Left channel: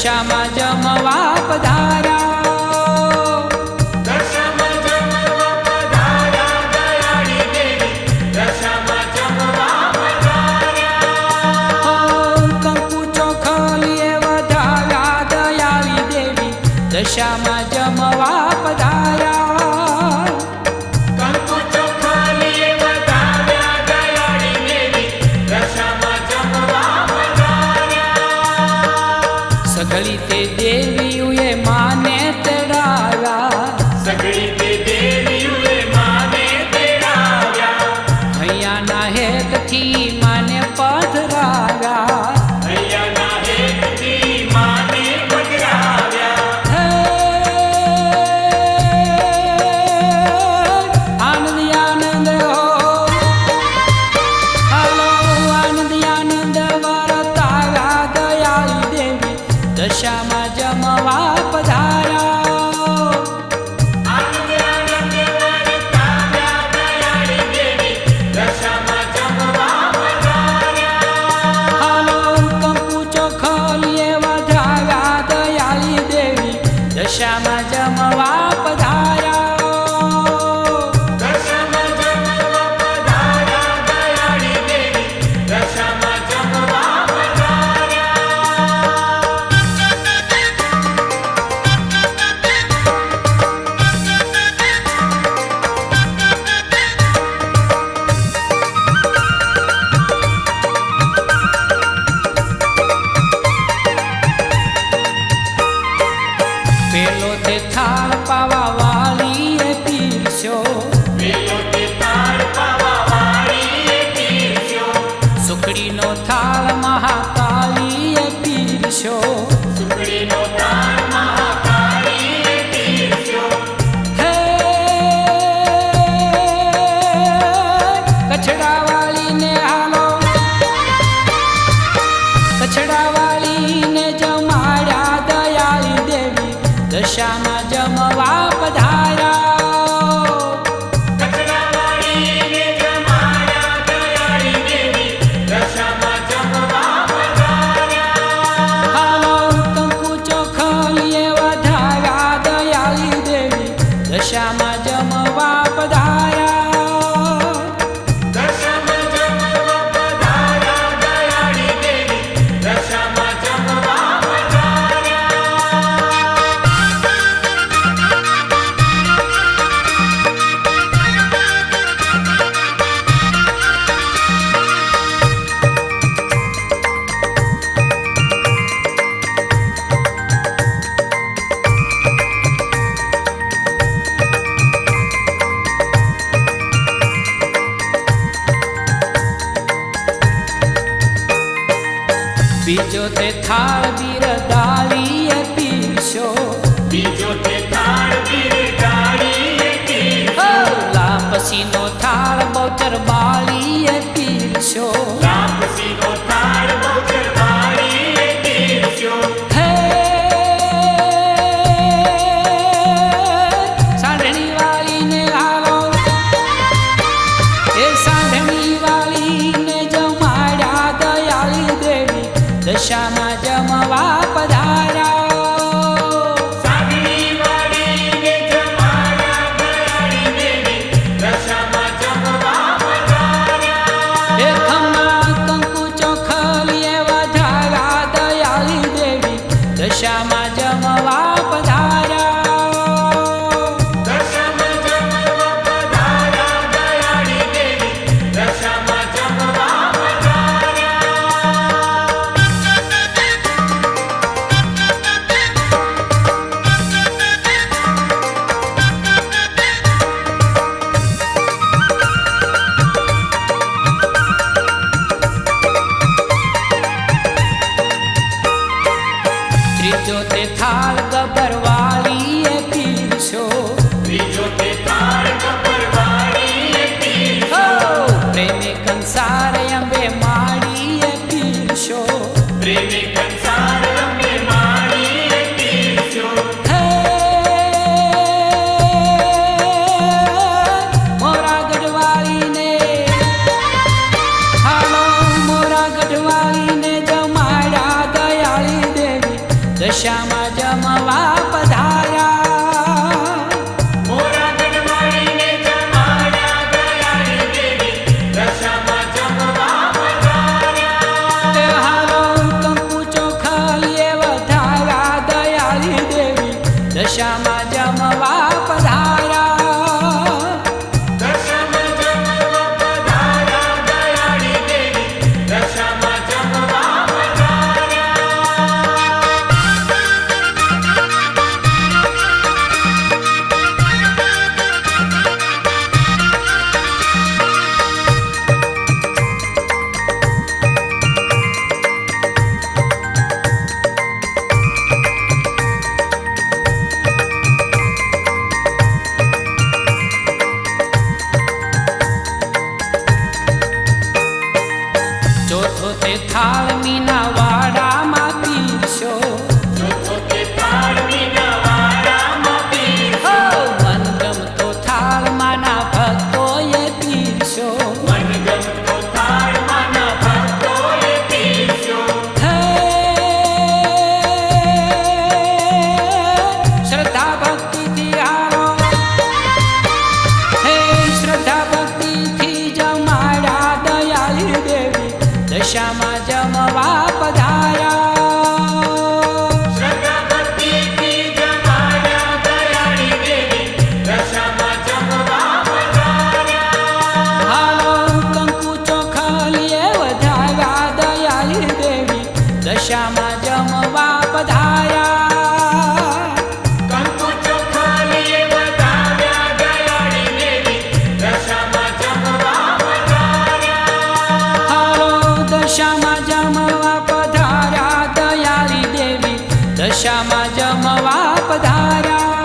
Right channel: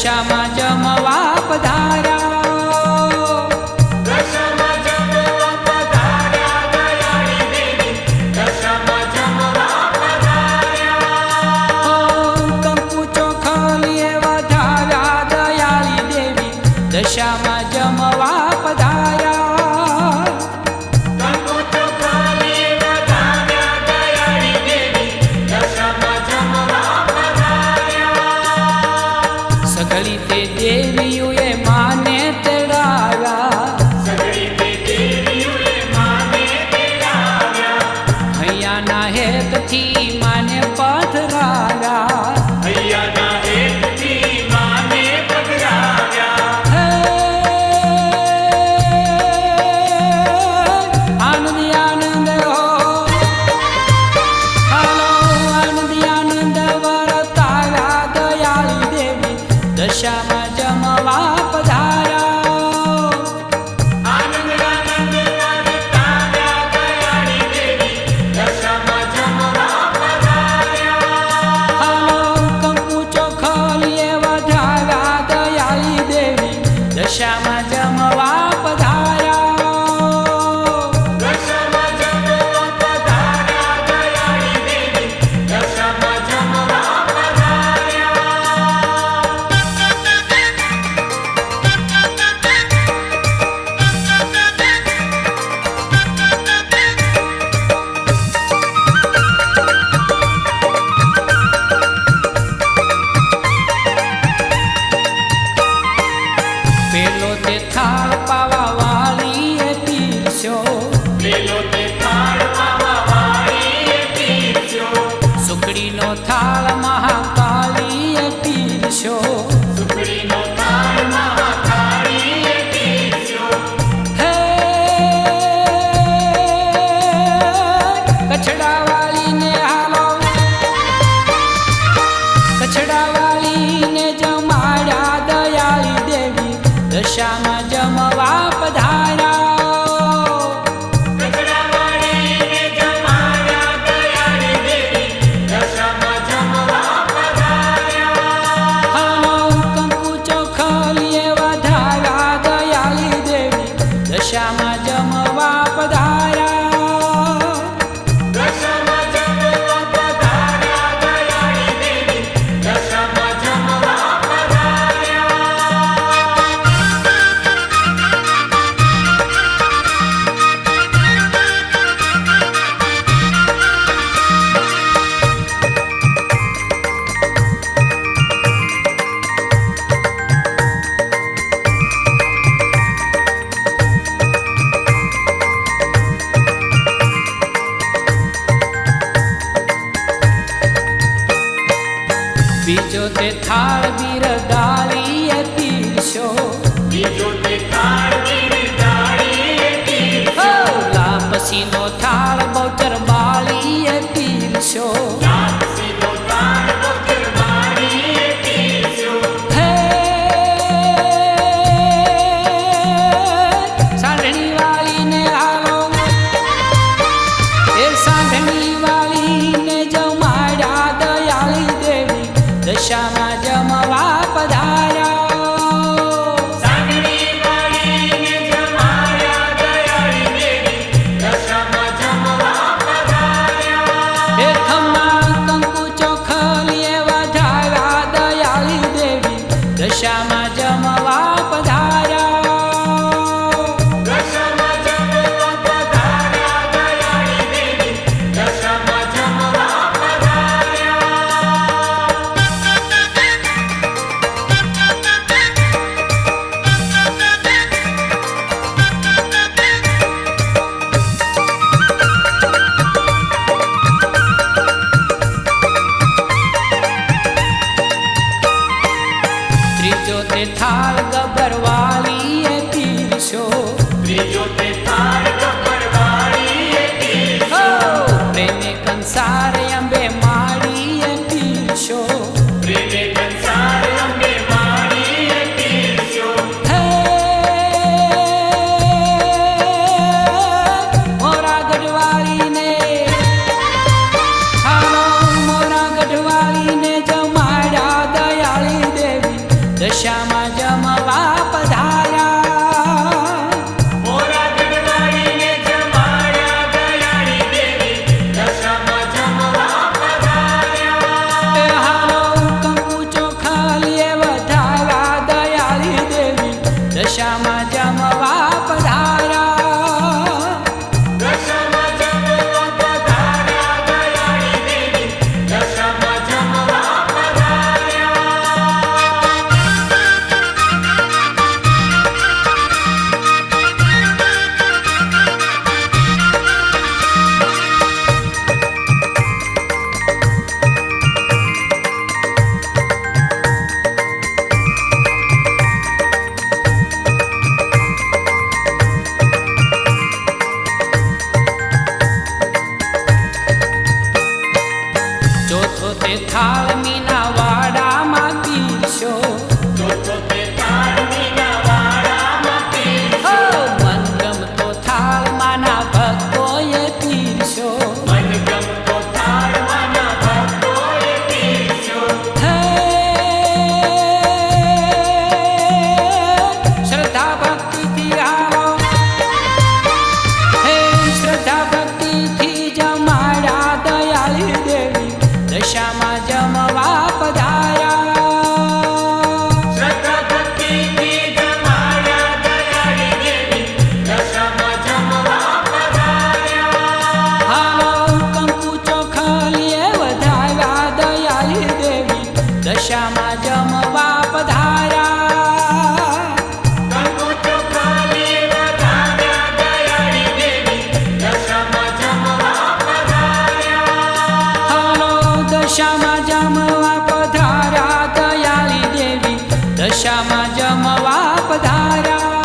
દશામાં જમવા પધાર્યા. કંકુ ચોખલીએ વધાવ્યા દયાળી દેવી દશામાં જમવા પધાર્યા. સઘળી તે દેવીઓએ માને તેડાવ્યા. હૈયાના હેતથી માને પધરાવ્યા. આનંદી આનંદ હો હલો આનંદી આનંદ વરતાવ્યા દયાળી દેવી દશામાં જમવા પધાર્યા. હલો કંકુ ચોખલીએ વધાવ્યા દયાળી દેવી દશામાં જમવા પધાર્યા. પેલો તે થાળ પાવા વાળીએ પીરસ્યો. સુખડીનો થાળ મહાકાળીએ પીરસ્યો. હે કચડાવાળીને હાલો કચડાવાળીને જમાડ્યા દયાળી દેવી દશામાં જમવા પધાર્યા. હલો કંકુ ચોખલીએ વધાવ્યા દયાળી દેવી દશામાં જમવા પધાર્યા. બીજો તે થાળ બિરદાળીએ પીરસ્યો. હો લાપસીનો થાળ બહુચર બાળીએ પીરસ્યો. હે સાંઢણી વાળીને હાલો એ સાંઢણી વાળીને જમાડ્યા દયાળી દેવી દશામાં જમવા પધાર્યા. એ ખમ્મા કંકુ ચોખલીએ વધાવ્યા દયાળી દેવી દશામાં જમવા પધાર્યા. ત્રીજો તે થાળ ગબરવાળીએ પીરસ્યો. હો પ્રેમે કંસાર અંબે માળીએ પીરસ્યો. હે મોરા ગઢવાળીને હાલો મોરા ગઢવાળીને જમાડ્યા દયાળી દેવી દશામાં જમવા પધાર્યા. એ હાલો કંકુ ચોખાલીએ વધાવ્યા દયાળી દેવી દશામાં જમવા પધાર્યા. ચોથો તે થાળ મીના વાડામાં પીરશો. હો મનગમતો થાળ માના ભક્તોએ પીરશો. હે શ્રદ્ધા ભક્તિથી આવો, હે શ્રદ્ધા ભક્તિથી જમાડ્યા દયાળી દેવી દશામાં જમવા પધાર્યા. હાલો કંકુ ચોખાલીએ વધાવ્યા દયાળી દેવી દશામાં જમવા પધાર્યા. દશામાં જમવા પધાર્યા દયાળી દેવી દશામાં જમવા પધાર્યા.